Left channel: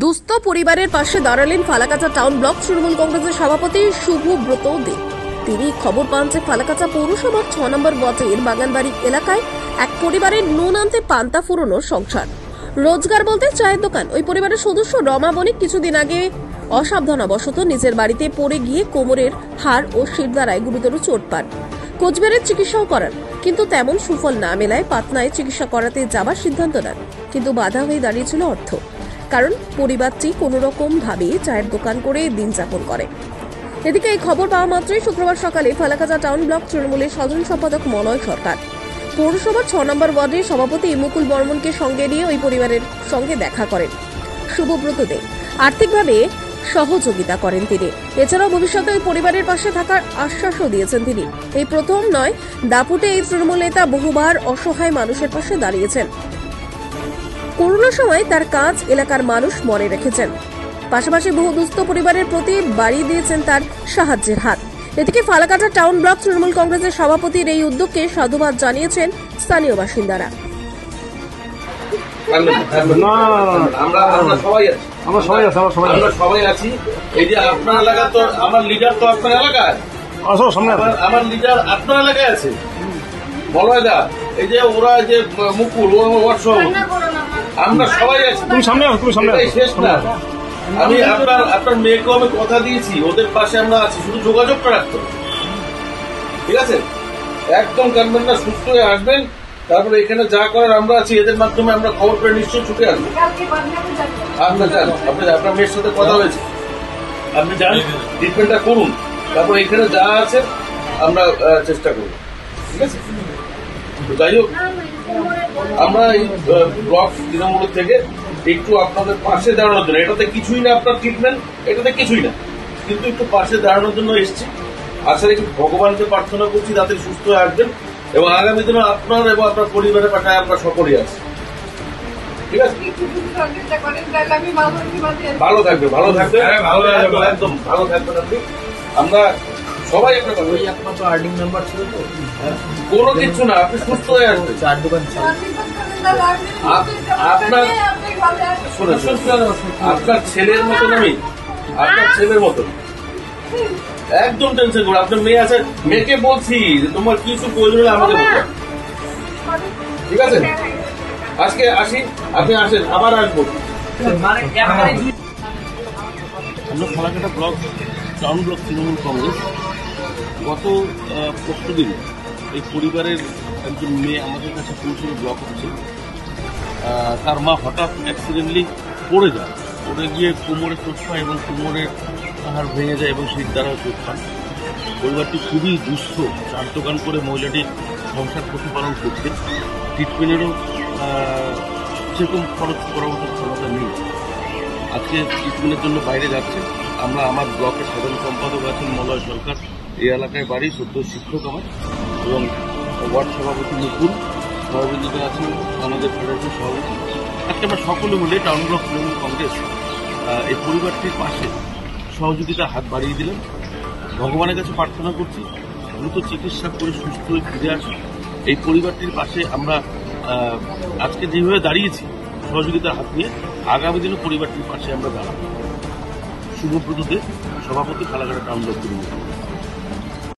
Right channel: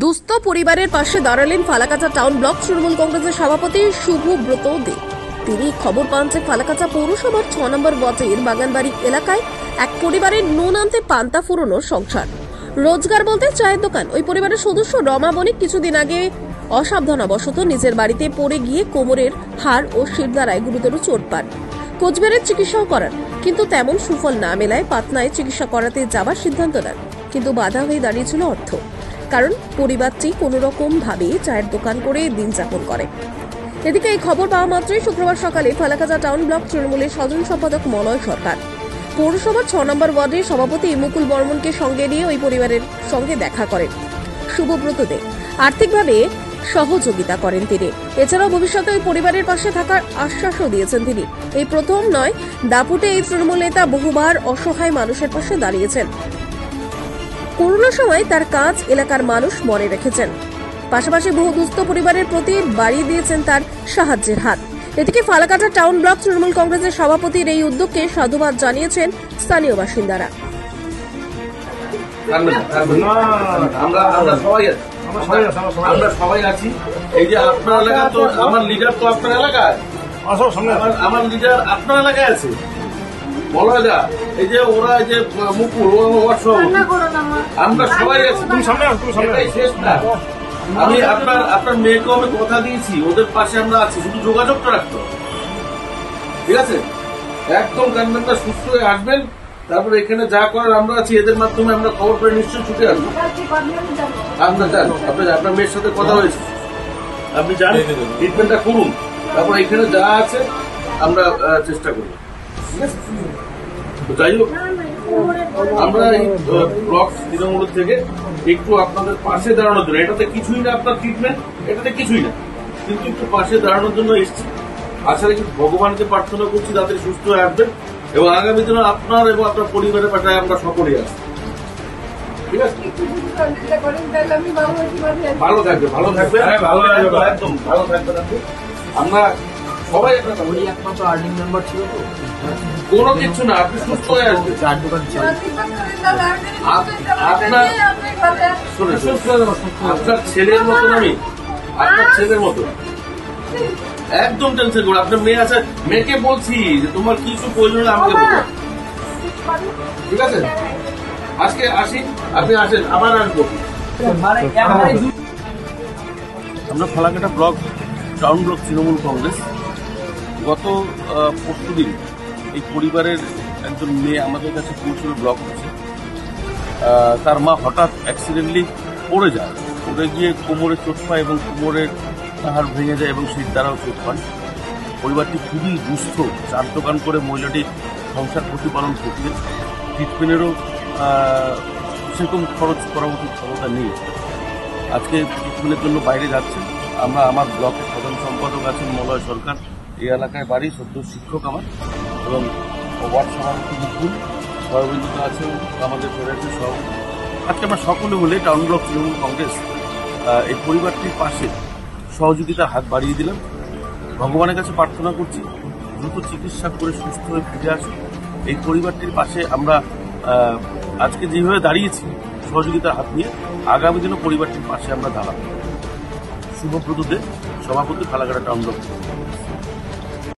দুস্থ পরিবারের পাশে দাঁড়ালেন ফালাকাটা টাউন ব্লক তৃণমূল কংগ্রেসের সভাপতি শুভব্রত দে। তিনি খবর পান যে ফালাকাটা পৌরসভার 6 নম্বর ওয়ার্ডের বাগানবাড়ি এলাকায় এক পরিবারের নুন আনতে পান্তা ফুরোনো সংসার। রোজগার বলতে চায়ের দোকান। ওই পরিবারের সদস্য রমা বণিক কিছুদিন আগে অসাবধানবশত নিজের বাড়িতে পড়ে গিয়ে কোমরের হাড় ও শিরদাঁড়ায় গুরুতর চোট পান। কোচবিহারের চিকিৎসাও করান, কিন্তু তেমন সুফল না মেলায় পাটনায় চিকিৎসা করাতে যাবার সিদ্ধান্ত নেন। কিন্তু বাধা হয়ে দাঁড়িয়েছিল অর্থ, কারণ পরিবারটি কোনো রকম ভাবে চায়ের দোকান করে দিন যাপন করে। এদিকে এই খবর পাওয়া মাত্রই শুক্রবার সকালে ফালাকাটা টাউন ব্লক তৃণমূলের সাধারণ সম্পাদক মলয় সরকার পৌরসভার 6 নম্বর ওয়ার্ডের সভাপতি মুকুল বর্মনকে সঙ্গে নিয়ে ওই পরিবারের সঙ্গে দেখা করেন। শুভব্রত দে আর্থিকভাবে সহযোগিতা করেন তিনি। এছাড়াও ভবিষ্যতে ওই পরিবারের পাশে থাকার আশ্বাসও দিয়েছেন তিনি। এই প্রথম নয়, দাপুটে এই তৃণমূল নেতা বহুবার অসহায় মানুষের পাশে দাঁড়িয়েছেন। করোনার সময় তার কাজ এলাকার মানুষ মনে রেখেছেন। পাশাপাশি বহু দুস্থ পরিবারের প্রতি বাড়িয়ে দিয়েছেন তার সাহায্যের হাত। এদিকে ফালাকাটা টাউন ব্লক তৃণমূল কংগ্রেসের সভাপতির এই উদ্যোগকে সাধুবাদ জানিয়েছেন স্থানীয় বাসিন্দারা। আমরা সবাই আছি। এই যে আপনার এলাকা, তো আমার লিডার তো আপনার এলাকায়, আমার লিডার আপনার এলাকায় আছে মলয়দা। এই যে ওরা, এই যে মুকুল, আমরা সবাই আছি, শেষ না। আমি আপনার মেয়েকেও আমি কথা দিয়েছি, ওদের পাশে আমরা আছি, শুধু যোগাযোগটা রাখতে হবে, ঠিক আছে? একদম কানবেন না, সুস্থ হয়ে আসবেন। তারপরে এখানে যা করার আমরা আছি, এদের মাধ্যমে আমরা খবর করে নিশ্চয়ই ছুটে আসবো। আপনার যান, আপনার মেয়ের সাথে কথা হয়েছে, আপনি যান, ট্রিটমেন্টটা করুন। তারপর এখানে যা আছে আমরা চেষ্টা করব, ঠিক আছে? যাই হোক, আমরা এই ব্লক তৃণমূল থেকে একটু আপনাদের পাশে দাঁড়ানোর জন্য, এটাতে কিছুই না আপনার ট্রিটমেন্ট, এটাতে কিছুই না, কিন্তু একটু পাশে দাঁড়ানোর জন্য এসেছি। আসলে কি ভগবানকে প্রার্থনা করছি যাতে সুস্থ হয়ে আসবেন, এবং আগামী দিনে আপনার এবং আপনার পরিবারের পাশে আমরা সকলেই আছি, ঠিক আছে? ভালো থাকবে, ভালো থাকবে, একদম ভালো থাকবেন আপনি। আমরা সবাই আপনার কোনো কিছু না, আপনি সুস্থ হয়ে আসবেন। আপনার শোনেন, আপনার ছেলের মতন, আমি আপনার ছেলের মতন, একদম টেনশন করুন। আপনার মেয়ে আছে, মেয়েকে বলছি যে তোমার কিছু প্রয়োজন হলে আমাকে বলতে, ঠিক আছে? আজকে আসি, আপনি আসেন, আবার আসবো। আমরা Falakata block town block Trinamool Congress গত 5 দিন এই পরিবারের একজন মেয়ে আমাদের কাছে পৌঁছল ব্লক অফিসে। তার মা হঠাৎ অ্যাক্সিডেন্টলি পড়ে যায়, পড়ে গিয়ে কোমরে চোট পায় এবং কোমরের হাড় ভেঙে যায় এবং শীত দ্বারাও চোট পান। পরিবারটি খুবই দুস্থ, চার দোকান করে মহিলাটি সংসার প্রতিপালন করছে। ট্রিটমেন্টেরও সেরকম খরচ করার মতো ক্ষমতা নেই। আজকে ট্রিটমেন্টের জন্য বাইরে যাচ্ছে। আমরা, আমার ব্লকের সাধারণ সম্পাদক আছেন মলয় সরকার, এই এলাকায় বাড়ি, সদ্য শিক্ষক আমার, এবং ওয়ার্ড সভাপতি মুকুল, সহযোগিতা আছেন আমাদের ফেডারেশন সভাপতি। আজকে আমরা সকলে মিলে টাউন ব্লক তৃণমূল কংগ্রেস এই পরিবারটির পাশে সহযোগিতার হাত বাড়িয়ে দিলাম। ভগবানের কাছে প্রার্থনা করছি দ্রুত চিকিৎসা করে সুস্থ হয়ে ফিরে আসুন। এই পরিবারটির পাশে আমরা আজকে যেভাবে দাঁড়িয়েছি সহযোগিতার হাত নিয়ে, আগামী দিনও পরিবারটির পাশে আমরা দাঁড়াবো। শুভব্রত দে, সভাপতি, ফালাকাটা টাউন ব্লক তৃণমূল।